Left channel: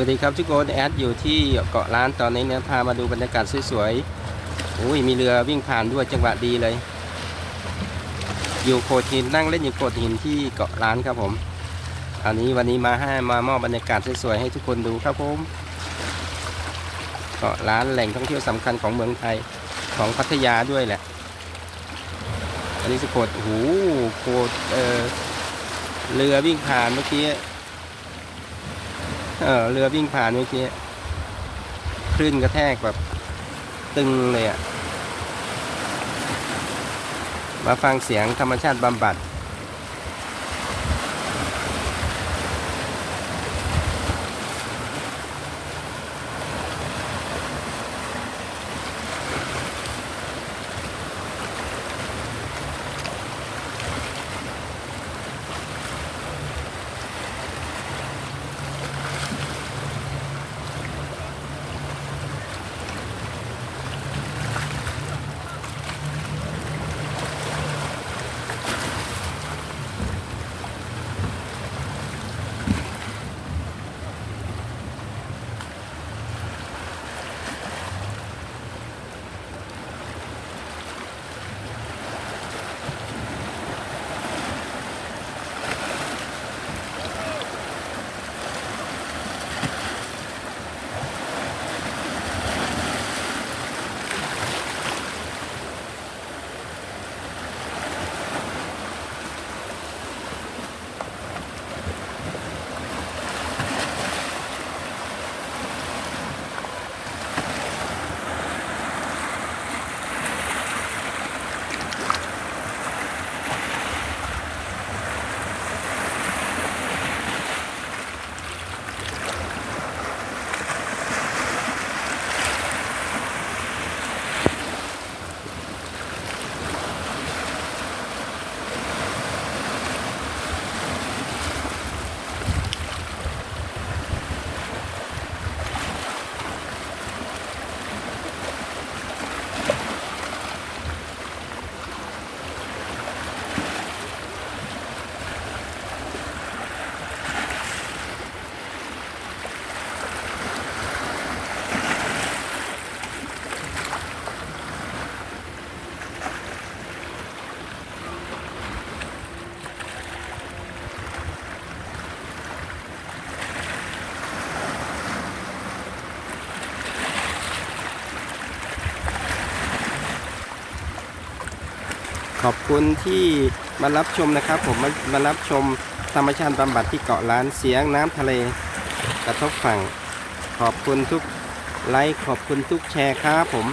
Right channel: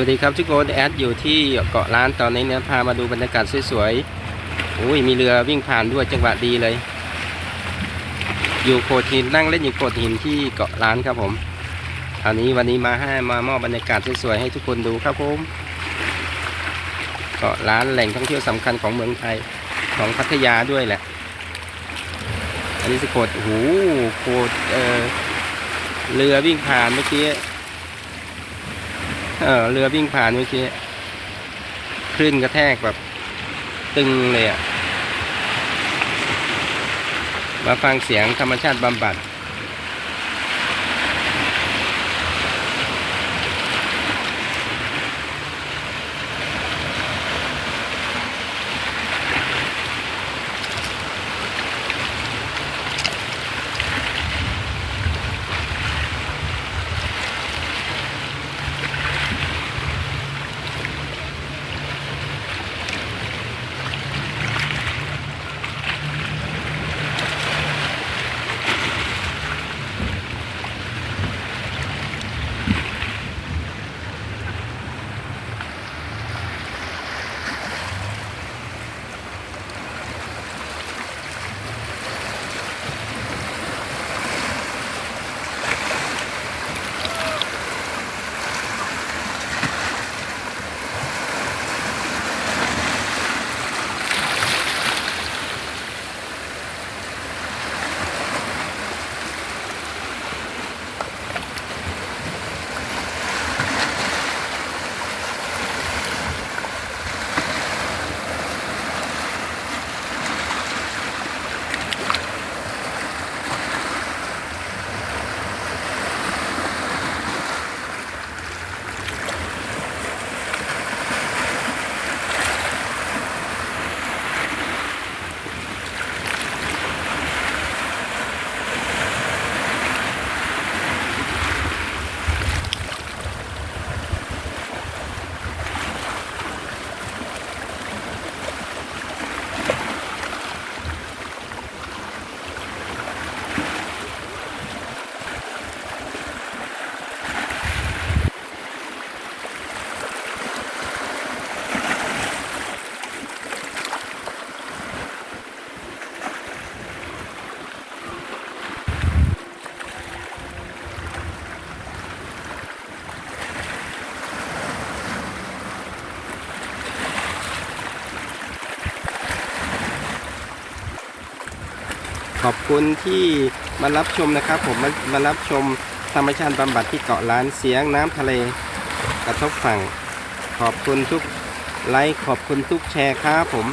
วัสดีครับทุกคนแอดอยู่ที่เกาะล้านตอนนี้เนี่ยพามาดูบรรยากาศสวยๆอุ้ยมีเรือวิ่งผ่านด้วยจังหวะดีเลย อยู่โขดหินนั่งเล่นอยู่โขดหินที่เกาะล้านครับผมอันนี้วันนี้มาให้มามอบบรรยากาศสวยๆให้ทุกคนดูครับผมเกาะล้านแหล่งท่องเที่ยวสำคัญของเมืองไทยของพัทยาด้วยแหละ อันนี้สโขดโอ้โหโขดเออเรือวิ่งผ่านเมื่อกี้ เออเรือวิ่งผ่านเมื่อกี้คลื่นกระแทกแบบ ตึงเลยอะ่ะ มาฟังเสียงธรรมชาติบำบัด ขอบคุณที่มารับชมนะครับ ผมมามารับชมธรรมชาติบำบัดที่เกาะล้านเสียงน้ำทะเลกระทบฝั่ง ขอบคุณทุกไลค์ขอบคุณทุกแชร์ครับผม